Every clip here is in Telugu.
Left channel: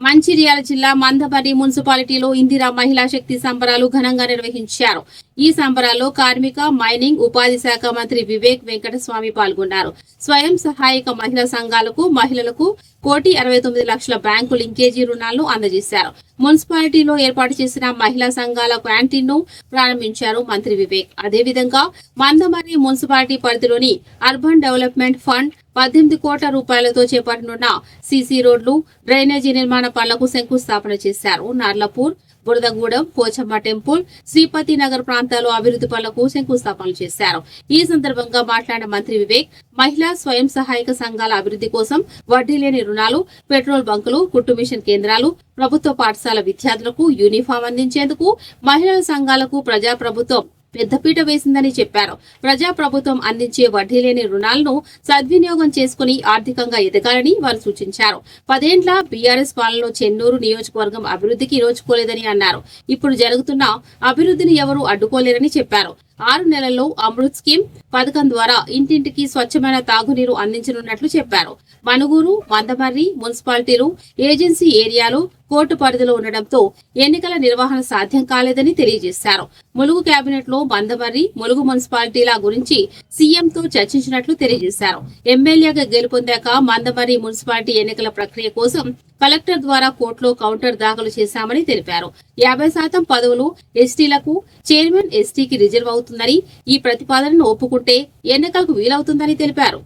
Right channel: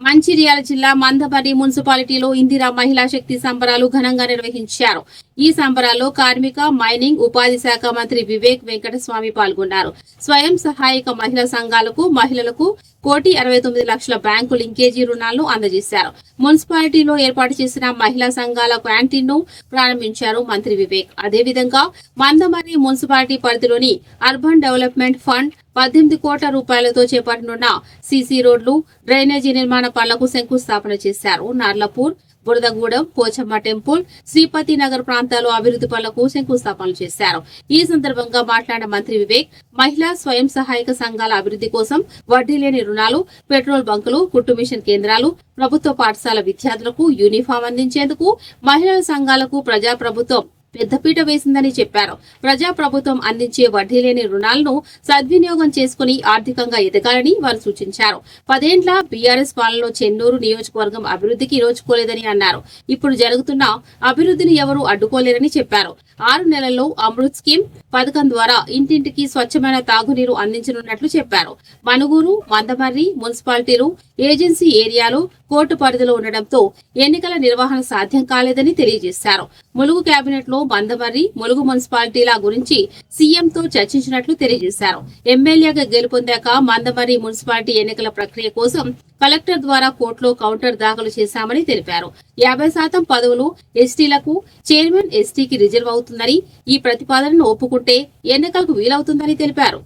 మంచిర్యాల జిల్లా మందమర్రి మున్సిపాలిటీలో ఇందిరా మహిళా శక్తి సంబరాలు ఘనంగా నిర్వహించారు. ఈ సంబరాల్లో కార్మిక, మైనింగ్, ఉపాధి శాఖ మంత్రి వివేక్ వెంకటస్వామి పాల్గొన్నారు. స్వయం సహాయక మహిళా సంఘాలకు మహిళలకు 1,69,00,000 బ్యాంకు లింకేజీ రుణాలను అందజేశారు. మున్సిపాలిటీలో ఏర్పాటు చేసిన మహిళా సంఘాల క్యాంటీన్ ను ప్రారంభించారు మంత్రి వివేక్. అదేవిధంగా మందమర్రి మున్సిపాలిటీ పరిధిలోని అర్బన్ డెవలప్మెంట్ ఫండ్ 18 కోట్ల రూపాయలతో చేపట్టనున్న సీసీ రోడ్లు, డ్రైనేజీ నిర్మాణ పనులకు శంకుస్థాపన చేశారు. నార్లపూర్, బురదగూడెం, పోచమ్మ టెంపుల్, శ్రీపతి నగర్ ప్రాంతాల్లో అభివృద్ధి పనులకు శంకుస్థాపనలు చేశారు. ఈ సందర్భంగా మాట్లాడిన మంత్రి వివేక్, మహిళా స్వయం సహాయక సంఘాల అభివృద్ధి కోసం వడ్డీ లేని రుణాలు, పెట్రోల్ బంకులు, కుట్టు మిషన్ కేంద్రాలు, ప్రభుత్వ పాఠశాల విద్యార్థులకు యూనిఫామ్ అందించేందుకు మహిళల సంఘాలకు ప్రజాప్రభుత్వం పెద్దపీట వేసిందని చెప్పారు. ప్రజాప్రభుత్వం అందించే వడ్డీ లేని రుణాలను సద్వినియోగం చేసుకుని ఆర్థికంగా ఎదగాలని వారు సూచించారు. 10 ఏళ్ల బీఆర్ఎస్ పాలనలో చెన్నూరు నియోజకవర్గం అభివృద్ధికి నోచుకోలేదని అన్నారు. ఇప్పుడు జరుగుతున్న అభివృద్ధిని ఎవరూ అడ్డుకోలేరని చెప్పారు. 6 నెలల్లో అమృత్ స్కీమ్ పథకం ద్వారా ఇంటింటికి స్వచ్ఛమైన తాగునీరు అందించనున్నట్లు చెప్పారు. మనుగూరు, మందమర్రి మున్సిపాలిటీలు ఏజెన్సీ ఏరియాలో కోర్టు పరిధిలో ఉండడంతో ఎన్నికల నిర్వహణ సాధ్యం కాలేదని తెలియజేశారు. ములుగు కేబినెట్ లో మందమర్రి, ములుగు మున్సిపాలిటీల గురించి సీఎంతో చర్చించినట్లు తెలియజేశారు. ఎమ్మెల్యేగా గెలుపొందాక మందమర్రి మున్సిపాలిటీ ఎన్నికల ప్రక్రియ కోసం కలెక్టర్ ద్వారా కోర్టులో కౌంటర్ దాఖలు చేశామని తెలిపారు. 50% పదవులు ఎస్టీలకు, చైర్మన్ ఎస్టీకి రిజర్వ్ అవుతుందని, ఈ ప్రతిపాదనను ఒప్పుకుంటే ఎన్నికలకు వీలవుతుందని తెలిపారు.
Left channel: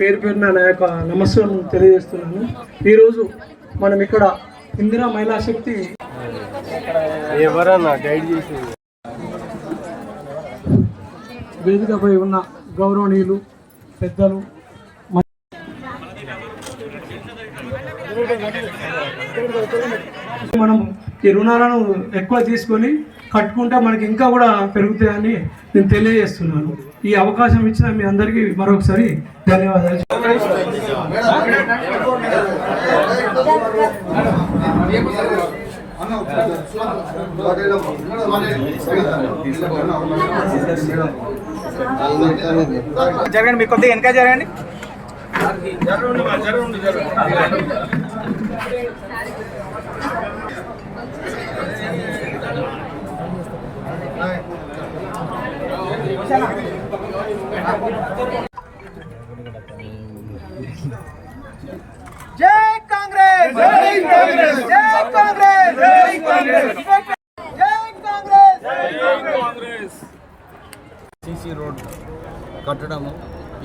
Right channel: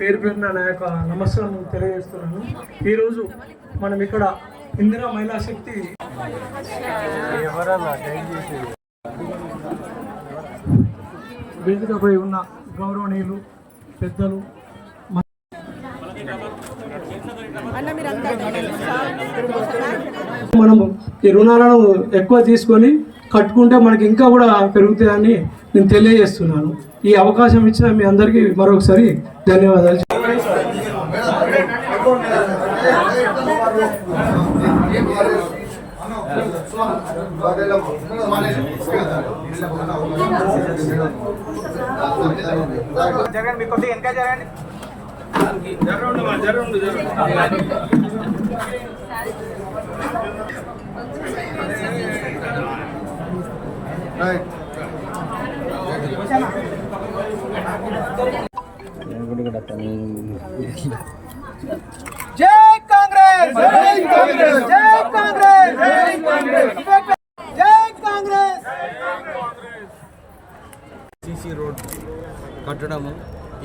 పేరు పేరున నా యొక్క నమస్కారం తెలియజేస్తున్నాను. ఈరోజు మనం ఇక్కడ ఇందిరా మహిళా శక్తి వేదికపై ఉన్న గౌరవనీయులు పెద్దలు, మనం ఈ రుణాలను ఎక్కువ తీసుకొని కట్టుకుంటే మనకి ఇంకా కూడా పెరుగుతాయని నేను తెలియజేస్తున్నాను. ఈ అవకాశం ఇచ్చిన మీ అందరికీ మరొకసారి ధన్యవాదాలు. జరగండి, మీకు కొద్దిగా వెనక జరగండి. జై కాంగ్రెస్, జై కాంగ్రెస్, జై కాంగ్రెస్, జై కాంగ్రెస్, జై కాంగ్రెస్. సీసీ రోడ్ కట్టడము,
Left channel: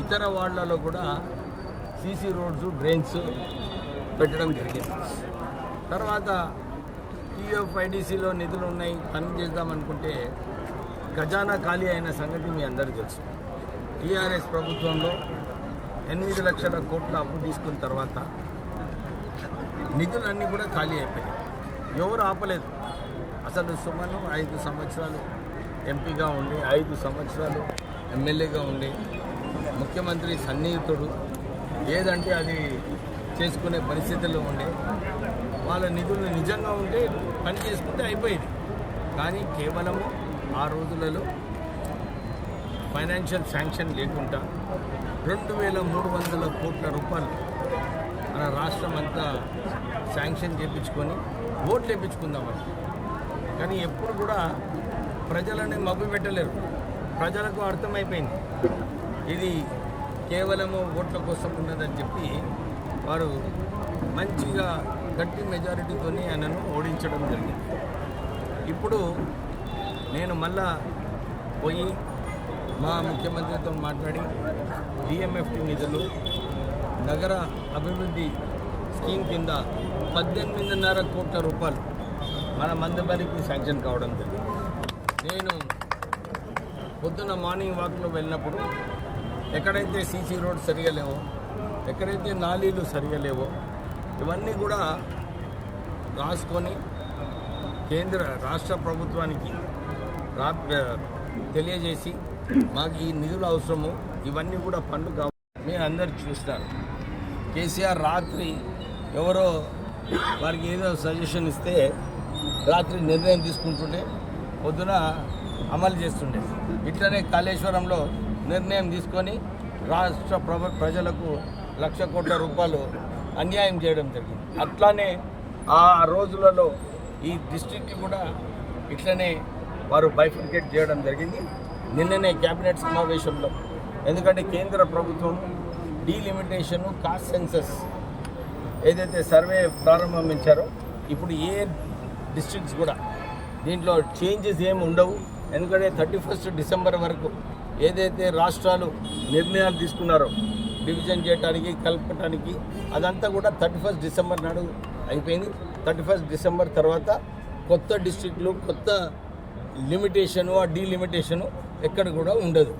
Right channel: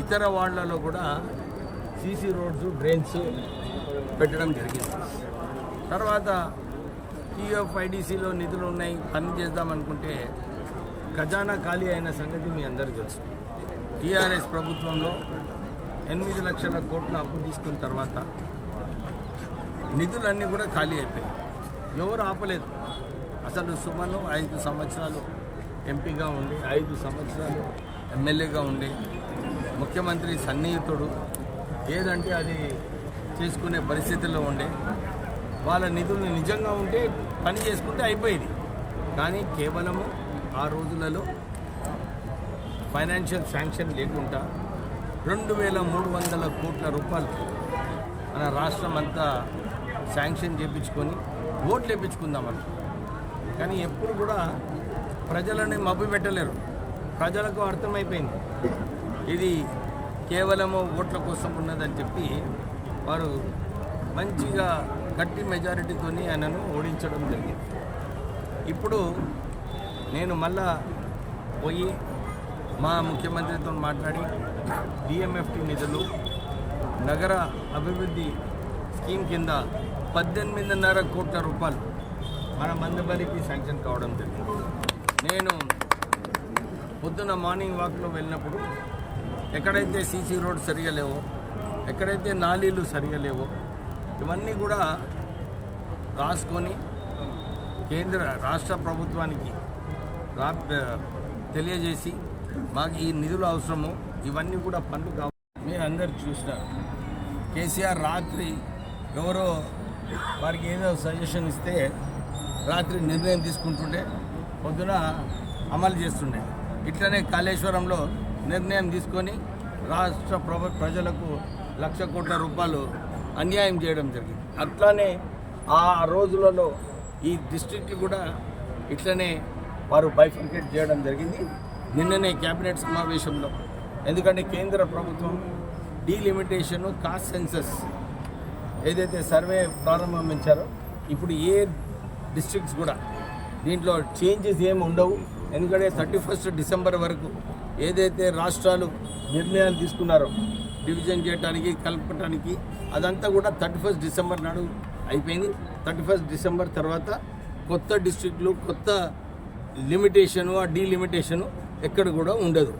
ఇతర వార్డులలో కూడా సీసీ రోడ్స్, డ్రైన్స్ పెట్టడం జరిగింది. తర్వాత టీఎఫ్ఐడిసిలో నిధులు ఉన్నాయి, పని చేద్దామనుకుంటే ఖజానా ఖాళీ అయిన సంగతి మీ అందరూ తెలుసు. టీఆర్ఎస్ ప్రభుత్వంలో 8 లక్షల కోట్ల అప్పు తీసుకున్న తర్వాత నిధులన్నీ కూడా ఖాళీ అయిపోయాయి. ఎవరు ఆపలేదు. అసలు సుమను 5 సంవత్సరాలు ఎంపీగా ఉండి, 5 సంవత్సరాలు ఎమ్మెల్యేగా ఉండి, ముఖ్యమంత్రి సన్నిహితుడు, ఏదంటే అది చేసుకునే పరిస్థితుల్లో ఉండే, వాళ్ళ నిధులు నిజంగా ఉంటే పని చేసుకుంటే అయిపోయేది. కానీ కేవలము ఆ రోజులలో ఫైనాన్షియల్ శాంక్షన్ లేకుండా 2,300 కోట్ల రూపాయలు మన రాష్ట్రం అంతా శాంక్షన్ చేయించుకొని ఓట్లు వేయించుకుందామని. కానీ ఎప్పుడు కూడా ప్రజలని మభ్య పెట్టలేరు. ప్రజలకు అర్థమైపోయింది ఇది కేవలము ఓట్ల కోసం ఉన్నదని చెప్పి వారు మంచిగా గట్టి మెజారిటీతో ఆయనను ఓడించడం జరిగింది. ఇప్పుడు నేను మళ్ళా పోయి మా ముఖ్యమంత్రితో మాట్లాడి డిఎంఎఫ్టి నిధులు నగర అభివృద్ధి స్కీమ్ కింద 18.5 కోట్ల రూపాయలు మన మందబరికి శాంక్షన్ కావడం జరిగింది. నేను పొద్దున్న మార్నింగ్ వాక్లో వెళ్ళినప్పుడు ఎక్కడైతే సీసీ రోడ్ సరిగా లేవో, ఎక్కడైతే నాలీలు సరిగా లేవో ఇవన్నీ కూడా రాసుకొని రాష్ట్ర ప్రభుత్వానికి తెలియజేసి మాకు ఈ నిధులు అవసరము, ఇవన్నీ కూడా పనులు కావాలి. మీరు అందరు చూస్తారు, కేసీఆర్ రాత్రి ఎవరో వారికి ఏదో సజెషన్ ఇస్తే రాత్రి నిర్ణయం తీసుకుంటుండే, పొద్దున అమలు చేస్తుండే. ఇట్లనే కాళేశ్వరంలో నిర్ణయం తీసుకొని రాష్ట్ర ప్రజలకు 1,00,000 కోట్ల రూపాయలు అన్యాయం చేయడం జరిగింది. అట్లానే ఆ రోజులలో ఈ డిస్ట్రిక్ట్ కూడా ఇట్లనే వారు బైఫర్కేట్ చేయడం జరిగింది నిన్ననే క్యాబినెట్ సమావేశంలో. ఎందుకంటే కేంద్ర ప్రభుత్వం డీలిమిటేషను, కాస్ట్ సెన్సస్ ఏదైతే సర్వే ప్రారంభించారో ఇప్పుడు ఏ డిస్ట్రిక్ట్స్ కూడా దీంట్లో చేంజెస్ ఏమి ఉండవు. ఎందుకంటే 31 డిసెంబర్ వరకు ఏదైతే రాష్ట్రాలు నిర్ణయాలు తీసుకున్నారో డివిజన్ చేయడానికి, కలపడానికి, అదంతా కూడా 31 డిసెంబర్ నాడు అయిపోయింది. 31 డిసెంబర్ తర్వాత కొత్త డిస్ట్రిక్ట్లు, కొత్త లిమిటేషను, ఆ డీలిమిటేషను ఎక్కడ కూడా ఉండదు.